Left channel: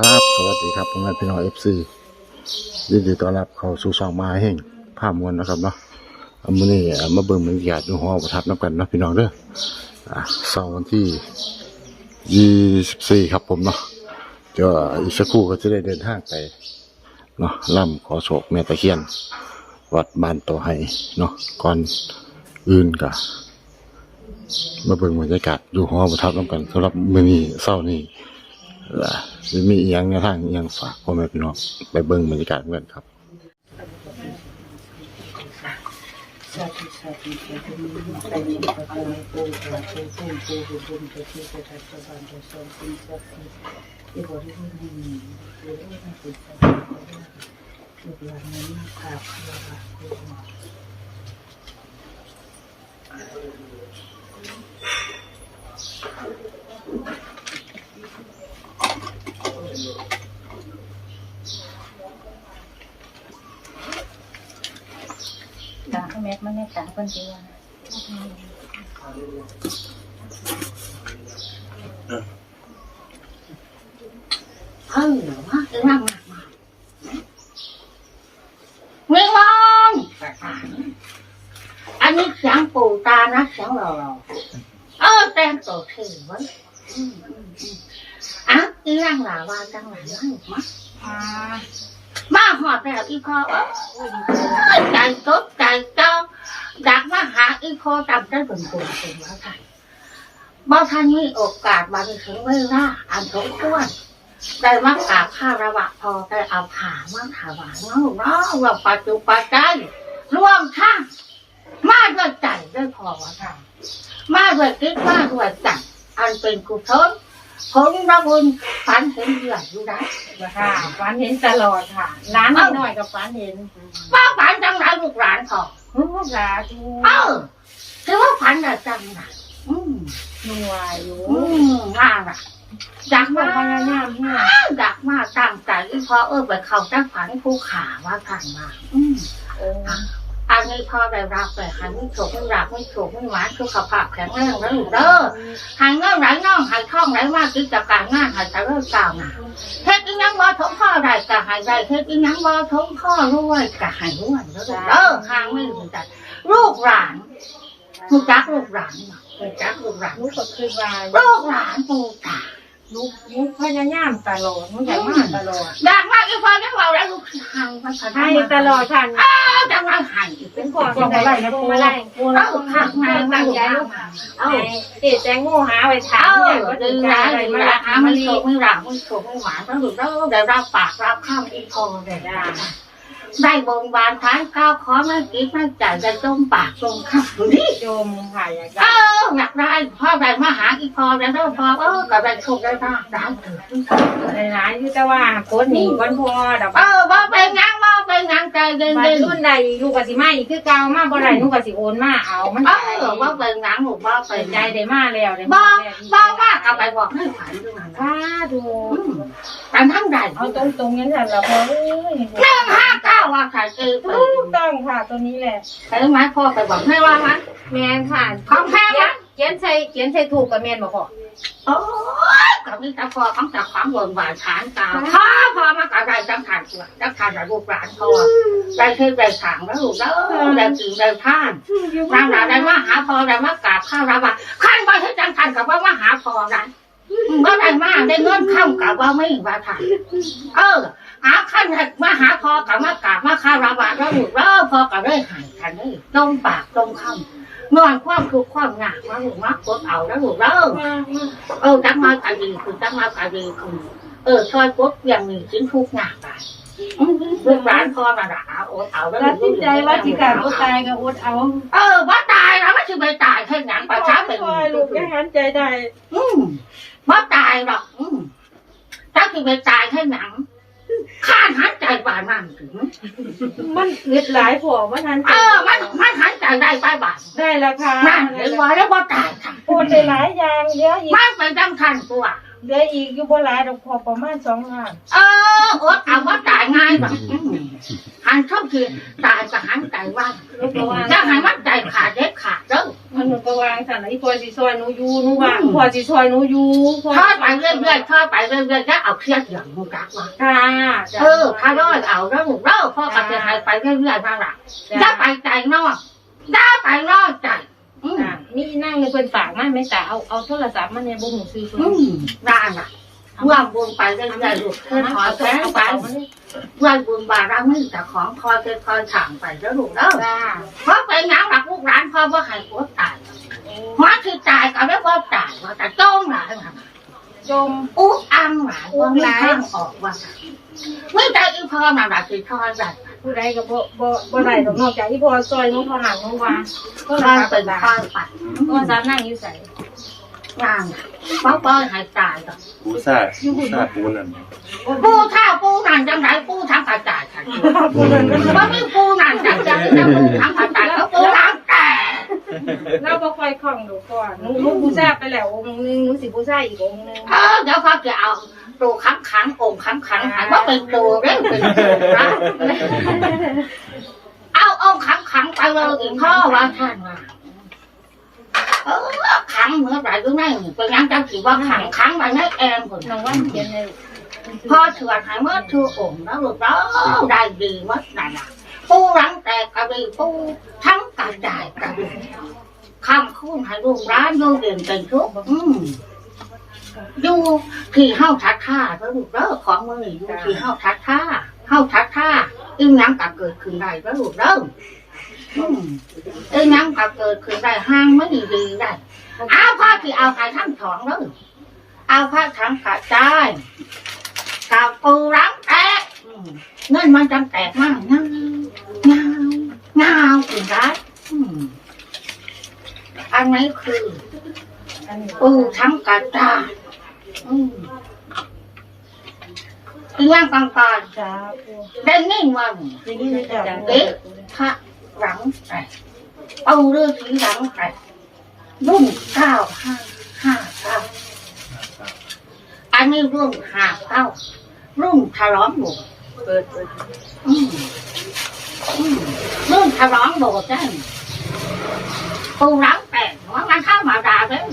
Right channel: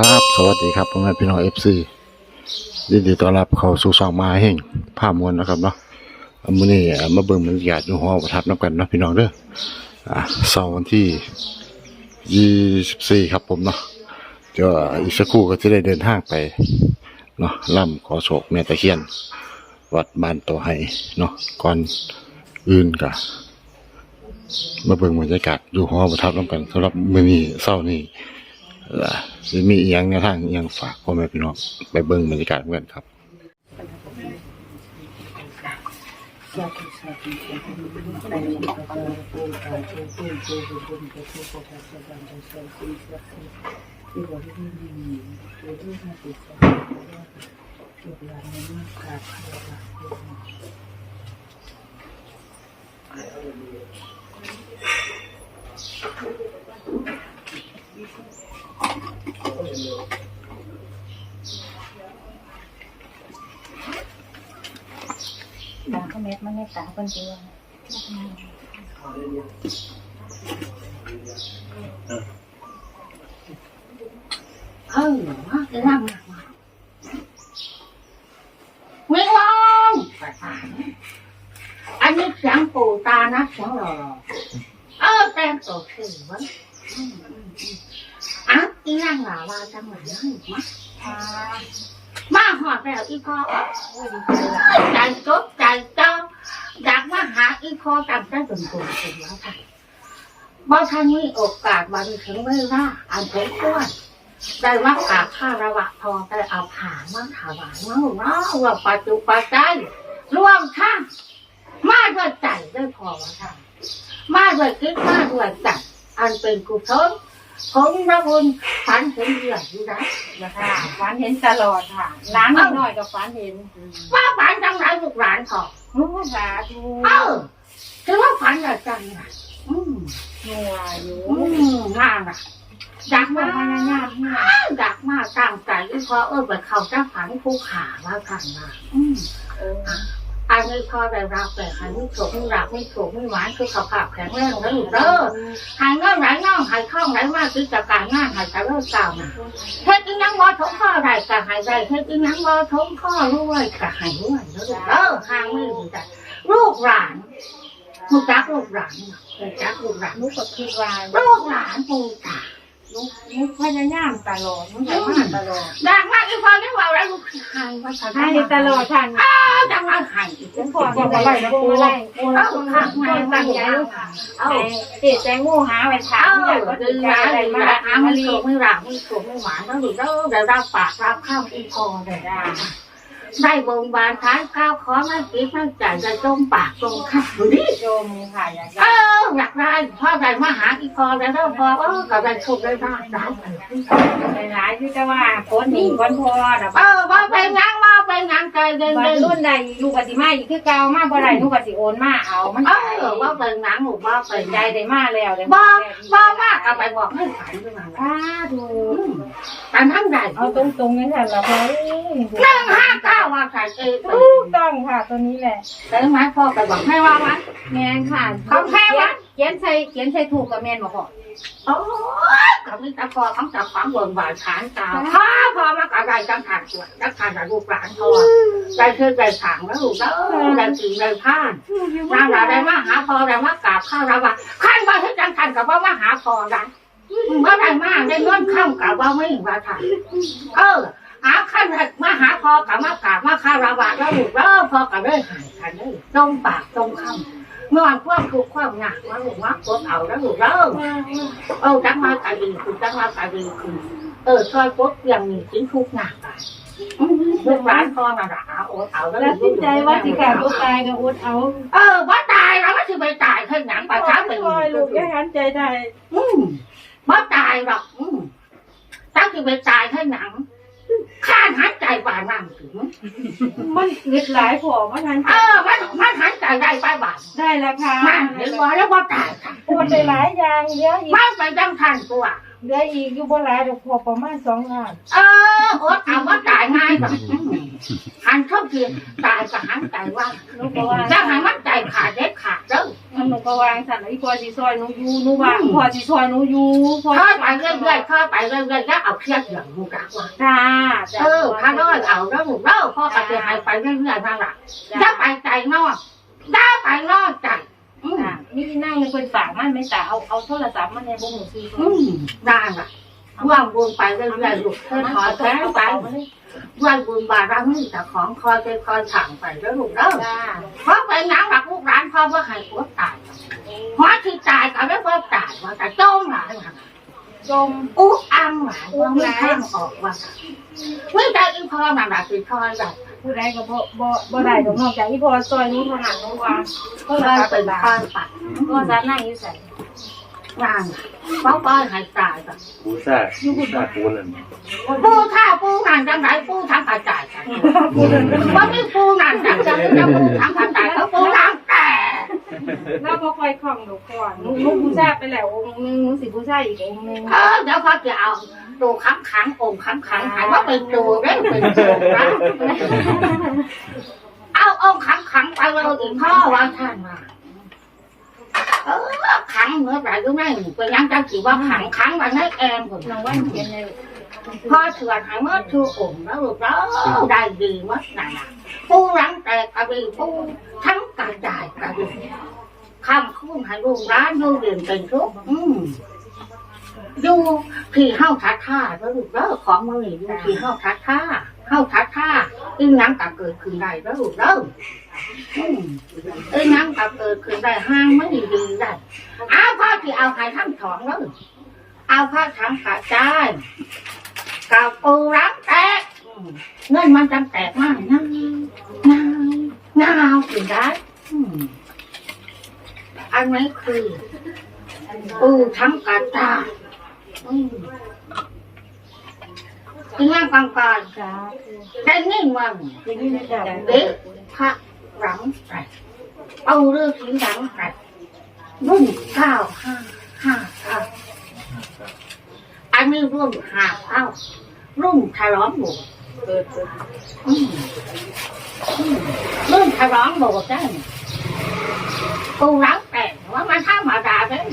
ครับ สวัสดีครับพ่อแม่พี่น้องเอฟซียินดีต้อนรับเข้าสู่ช่องมาแห่งภาพมวลนะครับเนาะอามื้อนี้มาเบิ่งบรรยากาศอยู่หอประทับนับกันนะพี่น้องเด้ออ่าเสาร์วันที่24ครับผมเนาะเดี๋ยวอีกสักครู่ก็จะได้เดินทางไปเนาะล่ำขอโศกแม่ตะเคียน วัดบ้านโตไห้เนาะก่อนอื่นกะมาเบิ่งบรรยากาศอยู่หอประทับนับกันสำหรับมื้อนี้เช้านี้ ล่ะสิมีอียงแนวทางอียงฝากพ่อแม่พี่น้องไปเบิ่งบรรยากาศกันครับอ ม็กมันไม่ต่างคนเดียวเออว่าจะนั่งมาไม่ร้องอันนี้เสียงปู่ตานะเสียงเราเราเออแต่งตัวถือว้อืมอืมอืมอะอีร่างหลาวาจังหวะนั้นมาค่ะมาหอดแล้วอีพ่อเอ้ยใจจดใจจ้องอยากมาหาอีพ่อจำได้ เป็นแล้วค่ะบ่ท่านมีโอกาสมาถึงเวลาอันสมควรได้มากราบข้าระวะพอได้เอาผ่ามาถวายเนาะเนาะว่าปัจจุปัจจัยร่วมทั้งมาด้วยใจด้วยพอวะค่ะมาด้วยคิดมาด้วยใจอันเป็นกุศล ผมนะบุญฝันเห็นเหยื่ออยู่ได้ค่ะฝันเห็นตลอดค่ะร้านนิดหน่อยกับฝันเห็นว่าฝันจังไรลูกหลานเขาโอ้สาธุเออถือว่าฝันอะจังไรอืมหนัวอยู่อืมน่ารักอยากมามาพยายามเนี่ยอยากมาตั้งใจอีพอเออไปเขาจะฝันผู้ขาว่ากันมาอืมเออ อันนี้พอได้รับแต่ใครไม่ถูกไม่รักไม่ถูกไม่หวานคือขับขับแข็งแรงแล้วลูกเด้อหายเงื่อนไหลน่องหายคล่องไหลมากคือจากการงานหายจะเลิกกล่าวนะเฮ็ดอีนังบ่ท้องพ่อได้ก็หายได้เฮ็ดอีนังบ่ท้องพ่อรู้วยก็หายรวยแล้วลูกเด้อห่างไม่ถึงใจลูกหลานลูกจักลูกหลานลูกจักลูกหลานลูกก็คือว่าลูกหลานปู่ตา ลูกลูกพยายามตลอดลูกอยากมาตลอดดังมากอีพอได้ว่าแล้วลูกหายมาให้ตลอดค่ะอ้าวดังมากหายอีกเป็นพ่อที่ไหนนะปูอะไรปูเอ้าเราข้างในตั้งใจลูกเอ้าเจ๊แตงโมหาไว้ถามเอ้าเนี่ยก็ดึถึงงร้าใจนอะไรดึงมาร้านหามัมันนโฉอีกกไม่หลังไม่โฉกไม่หวานต้องดูแล้วได้รับปากรับข้าวอีพอเลยจ้า ได้บงบานท้ายข้าวขอไม่กินไม่จ่ายจะต้มปากตรงข้าวนี่จมค่ะอยากเอได้ออยากได้พ่อได้มาหาอีพอแล้วพอเออกับได้โชคได้มาดาวถึงหลายๆที่จะว่าโพสต์นี่วันพอดับเออว่าไปงา นว่าไปงานใจเย็นมาเย็นรุ่นใดลูกกสิมาอีกคือเก่ามาบ่ได้ลูกกสิโอนมาเอามันเออว่าไปงานหนูว่าไปเปิดใจงานได้มาแล้วได้บ่มาแล้วบ่ว่ากับไปบอกให้ฝันด้วยกันอ้าดูแต่ทั้งใดเอาตรงๆนี้แหละเราพอเอ้ยหนึ่งห้าเก้าว่าใส่เอไปถูกต้องค่ะตัวนี้แหละเห็นไหมพ่อไปบอกให้ว่ามันแมนค่ะของแท้วะเขียนใส่เขียนใส่ถูกกับแมนบ่พอ โอ้ยกับนี่ตาพ่อต้องจับฝังบนบาดฐานตาพ่อพ่อมากับได้จังทานตัวจังทานกับลูกหลานพ่อได้คือได้ถางแล้วลูกแล้วได้กินได้ท่านนางได้มาหาพ่อได้มากราบข้าวรับว่าขั้นว่าให้จังทานกับว่ามาหาพ่อได้เมื่อไรมาได้เงินข้ามกับว่าไม่ว่าทานเออหาขั้นให้มาหาพ่อกับมากราบมาข้าวรับว่าแล้วลูกแล้วพ่อกับได้หายกันนี่ตรงปากตรงคำ นอนความทุกข์ความหนักว่าลูกมักกดเอาแล้วลูกแล้วเออจังมากะดีคือจังมากะดีคือเออช่วยปุ๊บยังมีชิ้นทุกหนักไปลูกร้านพ่อมาด่าโอ๊ตเอาแล้วตัดสินใจว่าสิขาดตัวตายก็อดเอา เออว่าตายแล้วไม่ใช่ไม่ตายแค่หนังประชาเป็นโอ้ยลูกแค่หันใจได้ อืมว่าตายหรอกอืมถ้าคือไปตายแค่หนัง ข้าหันใจป่านนั่นถึงมันอึดหลายพอมันหันใจเออมันมันหันใจได้ป้ายบาทได้แล้วค่ะนั่นเห็นว่าแล้วว่าตายค่ะปวดได้หลายอย่างเหลืออีกมันไปดังทันตัวเหลืออีกอยู่บ่หลายดอกพอประมาณ2งานเออโอ๊ตเอาว่าตายง่ายแบบหันเข้าคือตายกับหันใจว่าลูกก็ว่าถ้าหันมันใจขาดเด็ดขาดเด้อ มันหนูก็วางสั่นแล้วอีพอสิซอยหนูอยู่หนูว่างพอสิซอยหนูอยู่พอทอดไปเรื่อยๆทอดไปเรื่อยๆแล้วเอาเครียดอย่างมึงกักว่าค่ะเออถ้าร้อยเอาแล้วลูกเล่าพ่อกับจะหายไปเรื่อยๆนั่นแหละอย่าไปใจนอกอย่าไปนอกใจอืมจ้ะนี่นั่งในเพิ่นฝากมาไม่แต่เอาเอาโทรศัพท์มาในบ่หูซื้ออืมได้ล่ะ ร่วมบุญไปเรื่อยๆลูกเธอถอแพ้ไปร่วมบุญบารมีแต่ของคอยคอยถางไปแล้วลูกเล่าจ้าเพราะไปยังหลักลูกร้านพ่อว่าให้ผัวตายหัวที่ตายก็ได้ว่าตายว่าแต่จ้งหลายว่าจมอุ๊อังหลายว่าม่ข้างออกว่าไม่ได้อีพ่อน่ะหลักคือทอยแบบผู้ใดก็บ่บ่บ่ได้ดอกนอกจากอีพ่อซอยหนูเท่านั้นหนูว่าโทรทอยศัพท์เป็เป็นนทอยไปโทรศัพท์นั่งอยู่ใส่ งานเพราะป้อยให้ตายก็ปูซ่าปูซ่าปูนั่นปูข้าวปูนั่นจังไรปูทำกระจายกันว่าไม่ปูนั่นจังจังจะปูทำกระจายเขาปูทำแต่เราบ่ค่อยคล่องดอกก่อนหนูหนูบูชาไปแล้วองค์นึงหนูสิบูชาอีกองค์นึงเออเดี๋ยวพ่อจะเอาตัวค้ำขังองค์ค้ำขังหายว่าเป็นตัวเร่เป็นตัวนะเอาองค์ค้ำขังไปเลยอีกพ่อว่าท่านมา เออขังเมื่อไหร่ก็ไม่เป็นยังจำถือว่าขังขังไว้ในแอมคนน้องวันเขียนในพ่อเถื่อนหายเมื่อถือองค์แล้วลูกแล้วได้ดีเมื่อไหร่ล่ะปูรังแตกกระดีปูทั้งกระจายกระดีคำคุ้นให้ลูกร้านโยเด่นเป็นทุกข์อืมอยู่ที่เฮาทัดท่าเด้อลูกเด้อของมือนี่อยู่ที่เฮาทัดท่าเฮาทัดท่าอึ้งยังก็เกิดขึ้นได้เด้อลูกเด้อ อืมอึ้งยังก็เกิดขึ้นได้ห้างไม่ดีดีได้เอาพ่อที่เอาใครทั้งสองเด้อเอาผ้าทั้งกระจายกับปูรังแตกเงินมันจังแตกมากเงาเงาเงาถึงได้อันนี้คือปูทั้งกระจายอืมเป็นย่างกลางกายจ้าได้นิ่งวันอย่างนี้นะจ้าเด็กพระ หลังแตกเอาเรือผีหลังแตกรุ่นเก้าห้าห้าเก้าอันนี้รุ่นห้าเก้ารุ่นฉลองโบสถ์เปิดเปิดอืมอืมรุ่นฉลองโบสถ์ได้ปูหลังแตกว่ามันธรรมาด่าเลย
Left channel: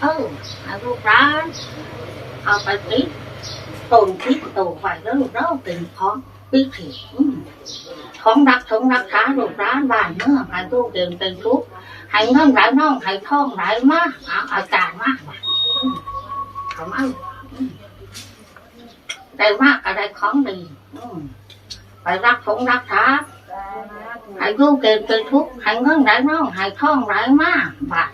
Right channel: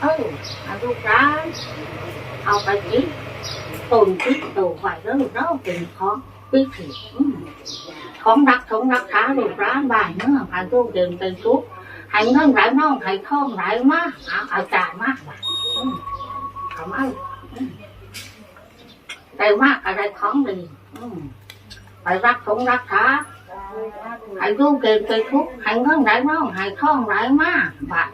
เอออาลูกร้านเอาไปติดตุนติดตัวไว้แล้วลูกเราเป็นของ พิธีอืมของรักของรักษาลูกร้านบ้านเมื่องให้ตู้เดินเป็นทุกให้เงินไหลน่องให้ท่องไหลมากเอาอาจารย์มากเขาเอาอืมได้มากอะไรของดีไปรักของรักษา ให้ลูกเดินเป็นทุกข์ให้เงินไหลน่องให้ท่องไหลมากบาท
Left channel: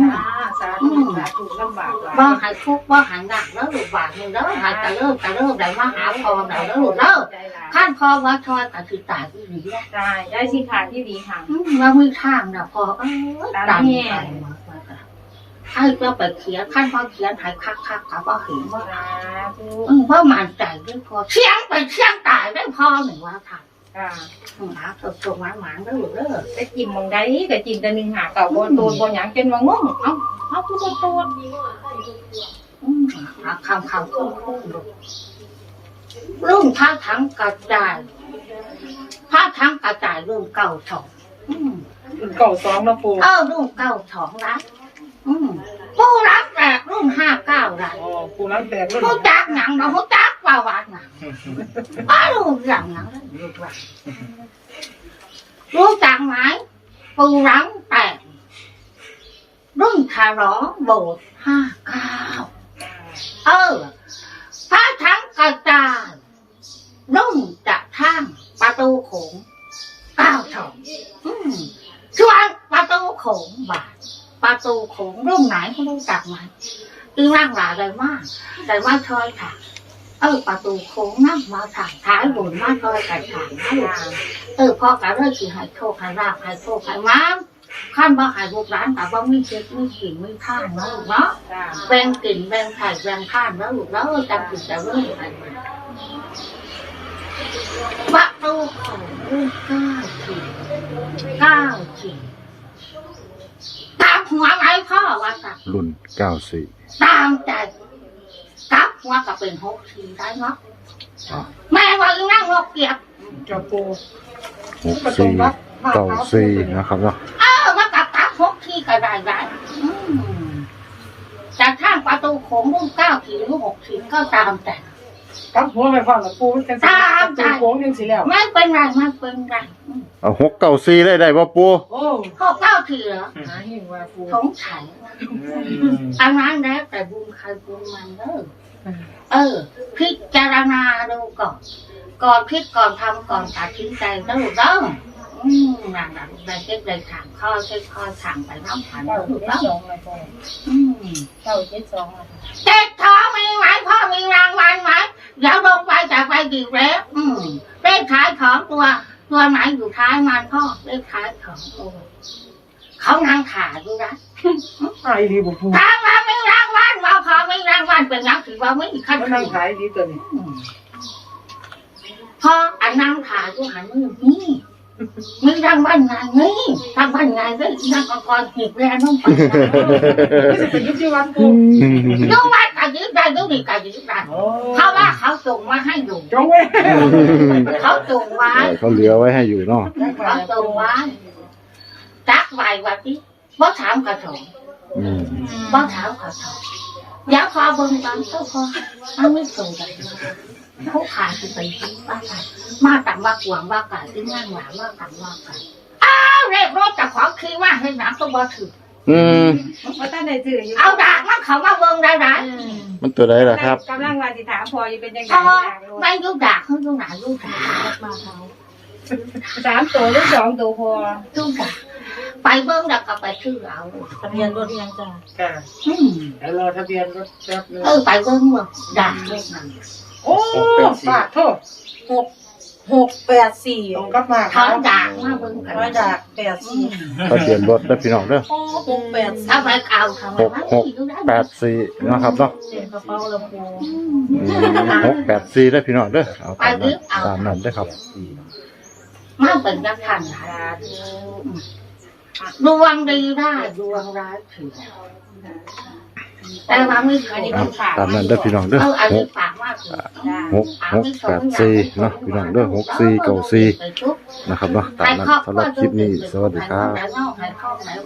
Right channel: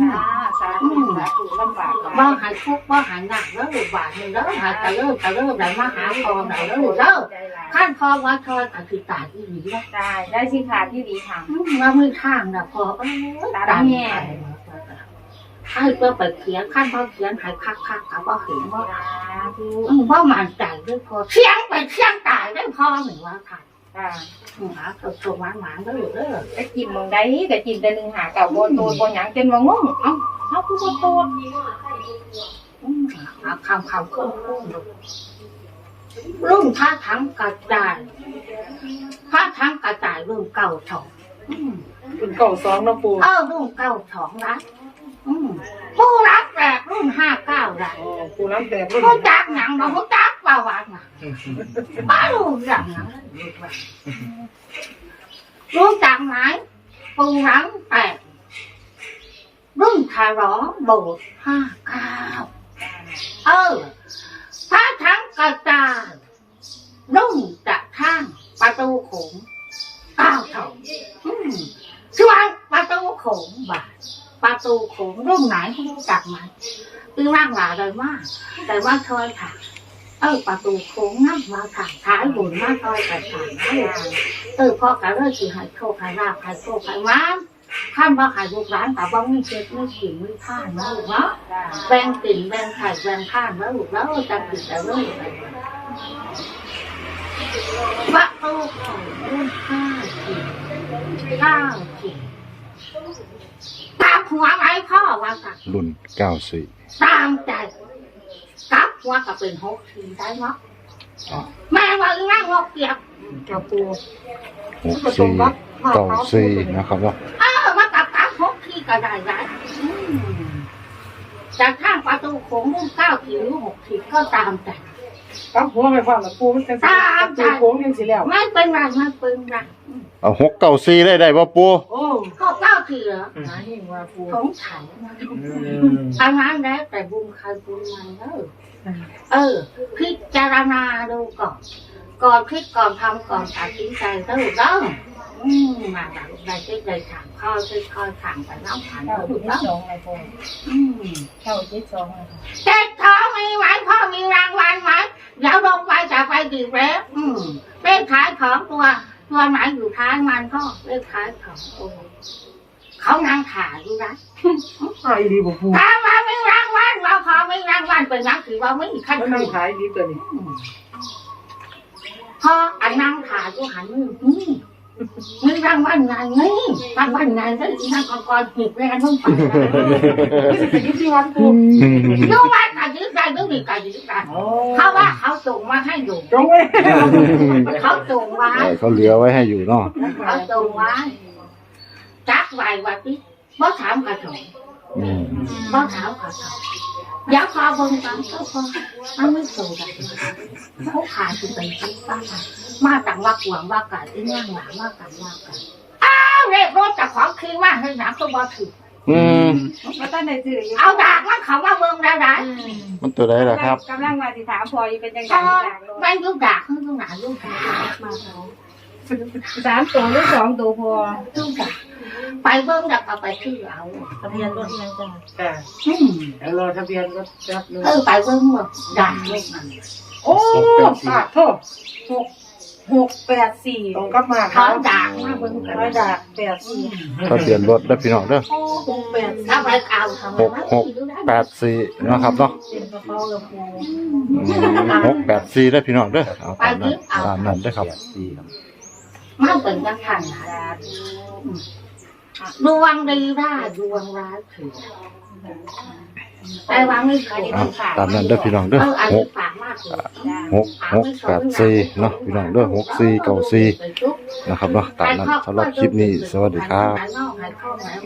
จ้าสาธุสาธุลำบากหลายบ่ให้ทุกข์บ่ให้หนักแล้วลูกบาทนี่เด้อให้ตะเลิกตะเลิกได้มาหาพอได้แล้วลูกเด้อใจหลายขั้นพอว่าทอยก็สิตายอีหลีแหละใช่ได้สิขาที่ดีค่ะอืมว่ามีทางน่ะพอเอ้ยตามตายแง่ไปหมดแล้วก็ให้เพื่อไปเขียนขั้นพอเขียนให้คักๆก็บ่เห็นว่าสาธุอืมบ่มั่นใจด้วยพอเสียงไปเสียงตายได้พอหนึ่งว่าค่ะ จ้าอืมหาถูกถูกหมานๆเด้อลูกเด้อแต่กินมองได้ก็กินแต่หนึ่งหาเก่าบ่โตนบ่หยังจนว่างงเอ้าเฮาคือบ่โตนอืมหาคำคำคุ้นคุ้นๆลูกรุ่งท่าทั้งกระจายท่าทั้งกระจายรุ่งเก่าสองอืมเป็นเก่าสองนะปูเออรุ่นเก้าสองรักอืม ผู้รักแรกรุ่นห้าเก้ารักอ๋อปูรักแบบรุ่นผู้จักหนังเราผู้จักประวัติหนังป้ารู้อย่างหนังรู้ว่ารู้จักไหมปูรังแปดรุ่นคารอโบสถ์ห้าเก้าเออพระทั้งกระจายรุ่นจะท่างประตูโขงเก้าสองอืมส่วนประตูโขงบาท ประตูโขงรุ่นไหนไม่รู้จักไหมอีร่างหลาเลยมากแต่ว่าชอยค่ะ เออประตูโขงนั่งมาทางท้ายบุญมาชอยแต่ทางนั่นเออพ่อกะเลยสิให้โชคให้ราบให้โชคให้ม้ามขั้นบ่ให้ลูกร้านแต่ว่าไม่เช็ดไม่ขิงไม่ท่านนะลูกเนาะแบ่งกลิ่นแบ่งไข่แบ่งท่านแล้วลูกแล้วจำกินแต่เรื่องอะไรประตูโขงรุ่นเก้าขีดเก้าขีด ตามหัวไหมพ่อว่าสักรุ่นเก้าสี่ตามใจกลับหัวก็เป็นหกขีดได้เนาะอ๋อแม่ว่าอีนั่งนกเกียบจ้าปูหกสี่เก้าสี่นะครับเนาะเออว่ากับกลับหกขีดก็ก็ได้ได้อืมจากทางประตูโขงมุ่งเก้าถึงหกถึงก็ตามแต่กับหัวไปฟังกับปูมันกันสิกับปูโค้งยังสิแล้ว ไม่เป็นไรไม่เป็นไรอืม เอาหกเก้าสี่ได้ได้บ่ปูโอ้ก็เก้าถึงเหรอหาเฮงว่าปูสงสัยนะอันนั้นแล้วแต่บุญใครบุญมันเออเออพิจารณาดูก่อน ก่อนคิดก่อนทำก่อนตัดสินใจต้องเด้ออืมนั่นแหละได้คิดได้ถามข้อคิดข้อถามไปน้ำผ่านเก้าถูเจ็กดต้องสองเลยพ่ออืมเก้าเจ็ดสองเลยเจ็ดท้องมีไหมพ่อมีรางวัลไหมเดี๋ยวลงไปจากไปดีแล้ว อืมเลขท้ายของตัว ตัวไหนอยู่ท้ายมันพ่อเลขท้ายของตัวเขานั่งขาอยู่นะขายดีบ่ปูถามว่ามีรางวัลว่าพอมีรางวัลเป็นยังถือว่าไม่มีขั้นแล้วคืนั่งอขายดีตัวนี้พออันนั่งขาอยู่หันมือนี่ มีรางวัลไงนี่รางวัลไงก็อีนั่งกองกองหิบเลยอันนู้นไปนี่สิไปยึดที่วัดปูยูวัดกันยึดได้ยูนี่กันยึดได้โอ้เพราะว่าเขาส่งมาให้อยู่จงไว้เขาส่งไว้เออเขาเหลือไว้ให้อยู่เนาะเขาส่งไว้จักไว้วันนี้บ่ถามกระถงอืมบ่ถามกระถง อยากขอเบิ่งกันก็พอมันไม่ส่งกันเขาขาดสิไปที่บ้านมาต่างว่ากวางว่ากันที่นั่งหวานว่ากันว่ากันอ้าวเรียกรถจากของคือว่าให้หนักก็บ่ถืออืมมาตั้งแต่จื่ออยู่เอาดากมันเขามาเบิ่งได้ไหมมันตัวใดล่ะครับกำลังมาสิถามพออยู่เป็นยังไงถ้าว่าจากรถไม่ยุดดากเขายุดหนายุดดากสามตัวหรือสองตัวพอยุดดาก ไปเบิ่งดักก็ไปชื่อเอาทะเบียนรถยังจังค่ะอืมเดี๋ยวรอทะเบียนรถแป๊บนึงเออไปเบิ่งเบิ่งดากเลขนั้นโอ้ปาดโทษหกหกแปดสี่ตรงกับมาเขาดากมาเบิ่งกันร้อยดาบแปดสี่ทะเบียนรถเด้อพี่น้องเด้อหกแปดแล้วไปเอาทำไมหกหกแปดสี่เนาะครับเนาะเสียงกระเพราลำโพงอืมหกแปดสี่ได้อพี่น้องเด้อเอาตามนั้นตามนั้นได้อครับมันเป็นนักขันหา ดวงดีได้ดวงร้ายเสียแต่ว่าไม่เคยเอาตามนั้นเด้อพี่น้องเด้อเอออันหนี้ก ฝากมากเลยหกหกแปดสี่เนาะพี่น้องเด้อหกสี่เก้าสี่นะครับเนาะตามนั้นสำหรับคลิปนี้สวัสดีครับใ